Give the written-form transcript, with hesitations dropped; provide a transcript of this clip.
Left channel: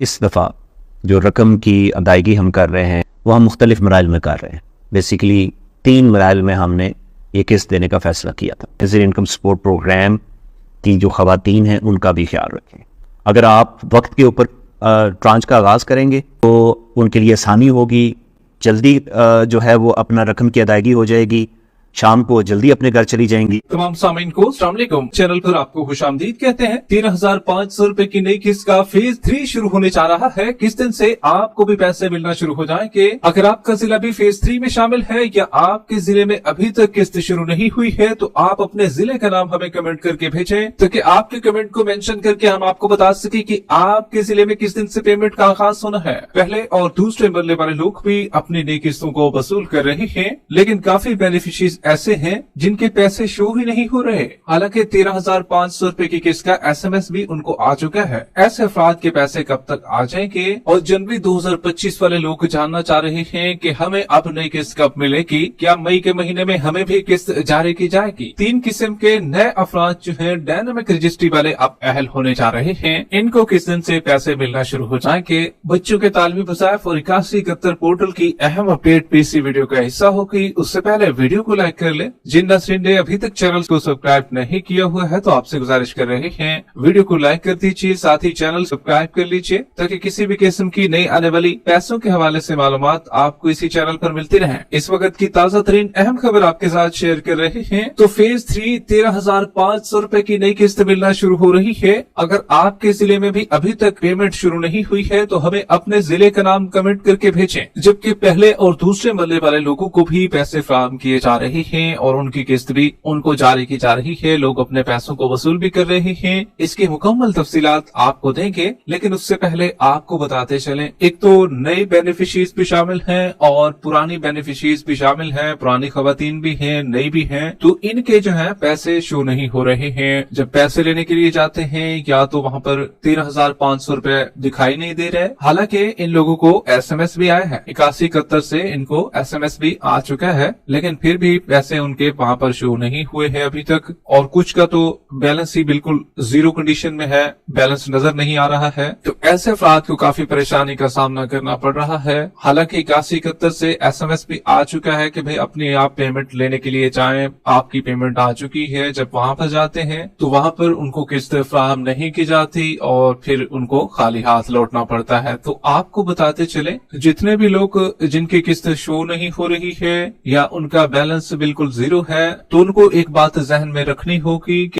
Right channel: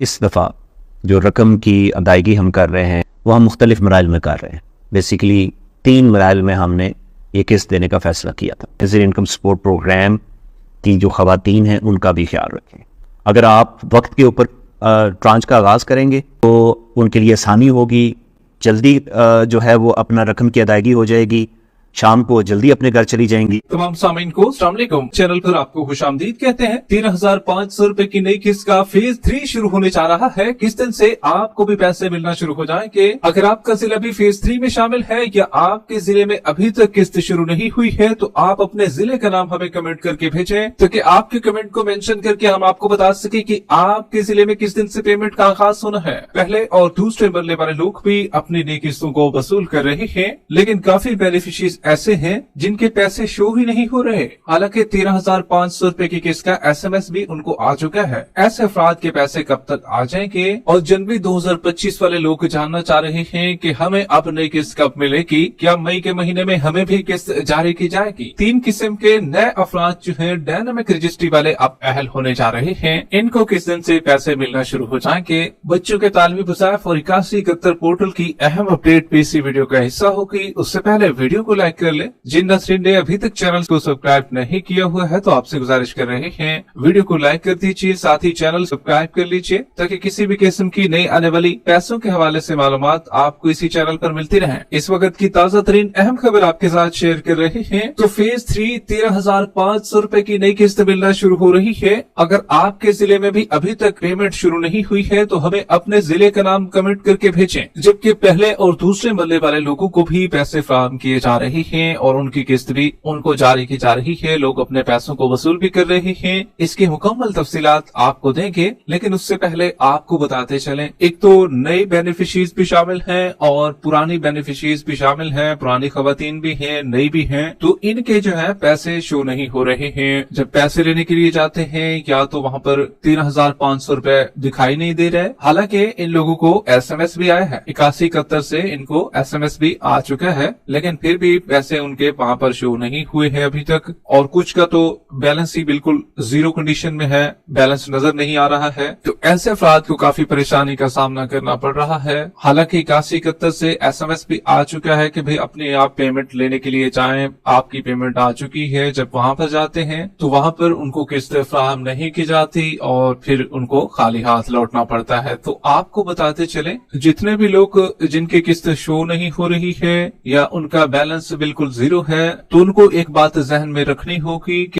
اس دفعہ جو رقم کی ادائیگی ہم کر رہے ہیں وہ ہم مختلف مراحل میں کر رہے ہیں. بیسیکلی 3 مراحل میں ہم نے یہ قسط دینے کا فیصلہ کیا تھا. نظیر انکم سپورٹ پروگرام کی جو خواتین ہیں ان کا بھی خیال رکھیں. اگر آپ وقت کے اوپر ٹرانچ کا آغاز کریں گے تو ان کے لیے آسانی ہوگی, جلدی جو ہے وہ اپنا رقم کی ادائیگی ہو جائے گی, شام کو جلدی اپنے گھر چلی جائیں گی. تمام سامعین کو السلام علیکم. چینل پر آپ کو خوش آمدید کہتے ہیں. 13,500 روپے کی نئی قسط کا فیز 3 شروع ہونے جا رہا ہے. کس دن سے آپ کو بھی پیسے ملنا شروع ہو جائیں گے. اگر آپ کا ضلع بھی فیز 3 میں شامل ہے یا آپ کے ضلع میں ابھی تک قسط شروع نہیں ہوئی ہے تو آپ اپنے ضلع کا نام ہمیں کمنٹ کر کے بھیجیں تاکہ آپ کے کمنٹ کو مینشن کر کے ہم آپ کو بتا سکیں کہ آپ کے ضلع میں کس دن سے پیمنٹ کا آغاز ہونا ہے. پہلے اور دوسرے مرلے والے لوگ بھی اپنی نئی قسطوں کو وصول کر رہے ہیں, لیکن کافی بینیفیشریز ایسے ہیں جن کے پیسے شو ہی نہیں ہو رہے. حالانکہ 13,500 روپے کی قسط کا SMS بھی ان کو آ چکا ہے. ایسے افراد کے پیسے کب تک آ جائیں گے؟ اور جنوری 2025 والے لوگ جاننا چاہ رہے ہیں کہ ہمیں اب نئی قسط کب ملے گی. کیا مئی کے مہینے میں ہمیں بھی قسط جاری کی جائے گی؟ 3 قسم کے نئے افراد جو ہیں ڈائنامک رجسٹری والے اب اہل ہونے جا رہے ہیں. ان کو کس دن سے پیسے ملنا شروع ہو جائیں گے؟ بچوں کے تعلیمی وظائف اور 8171 پورٹل کی اہم اپڈیٹ بھی اسی ویڈیو کا حصہ ہوگی. اس سے پہلے ویڈیو کو لائک کر لیں. جن ناظرین نے ابھی تک چینل کو سبسکرائب نہیں کیا ہوا ہے تو آپ سے گزارش کر رہے ہیں ویڈیو کو لائک کر دیجیے, ساتھ ہی چینل سبسکرائب کر لیجیے تاکہ کسی بھی قسم کی نئی آنے والی پیسوں کے حوالے سے معلومات آپ کو اسی چینل پر ملتی رہیں. اس وقت کی تازہ ترین اہم خبر آپ کے ساتھ شیئر کر رہے ہیں. تو فیز 3 13,500 روپے کی نئی قسط ملنا شروع ہو رہی ہے. اگر آپ کے ضلع میں بھی ابھی تک پیمنٹ شروع نہیں ہوئی ہے تو ہمیں اپنے ضلع کا نام کمنٹ کر کے بھیجیں, جبکہ پہلے اور دوسرے مرلے والے لوگوں کو بھی پیسے فراہم کیے جا رہے ہیں اور ان کی قسط بھی ان کو جاری کی جا رہی ہے. لوگ اپنے پیسوں کو وصول بھی کر رہے ہیں. اس کی مکمل تفصیلات آپ کو دیں گے, لیکن اس سے پہلے آپ کو بتاتے چلیں ایک تو نئے بینیفیشریز بھی شامل ہیں اور پرانی بینیفیشریز بھی شامل ہیں. پرانی خواتین بھی ہیں, نئی بھی ہیں, تو ان کے جو ہے پیسے شو نہیں ہو رہے ہیں. جب پیسے لینے کے لیے جاتے ہیں یا تو وہاں پر 13,500 روپے دکھائی نہیں دے رہے. حالانکہ ان لوگوں کو SMS بھی آیا ہے, 8171 سے ان کو SMS بھی آ چکا ہے, لیکن پھر بھی پیسے ان کے وہاں پر شو نہیں ہوئے ہیں ابھی تک. اور کچھ کا تو بیلنس ہی بالکل زیرو کنڈیشن میں ہے, بیلنس نظر نہیں آ رہا ہے. تو ایسے افراد کو کافی پریشانی کا سامنا کرنا پڑ رہا ہے. حالانکہ 8171 سے SMS بھی آ چکا ہے کہ بھئی اپنے آپ پیمنٹ لینے کے لیے جائیں, آپ کی پیمنٹ آ چکی ہے. جب وہاں پر جاتے ہیں تو وہاں پر ان کو قسط فراہم نہیں کی جاتی اور پھر ان کو خالی ہاتھ لوٹنا پڑتا ہے. تو آپ کو بتاتے چلیں جتنے بھی لوگ جن کی قسط شو نہیں ہو رہی ہے یا ان کا بیلنس بالکل زیرو ہے, تو ان کو ایک بات ذہن میں رکھنی ہوگی کہ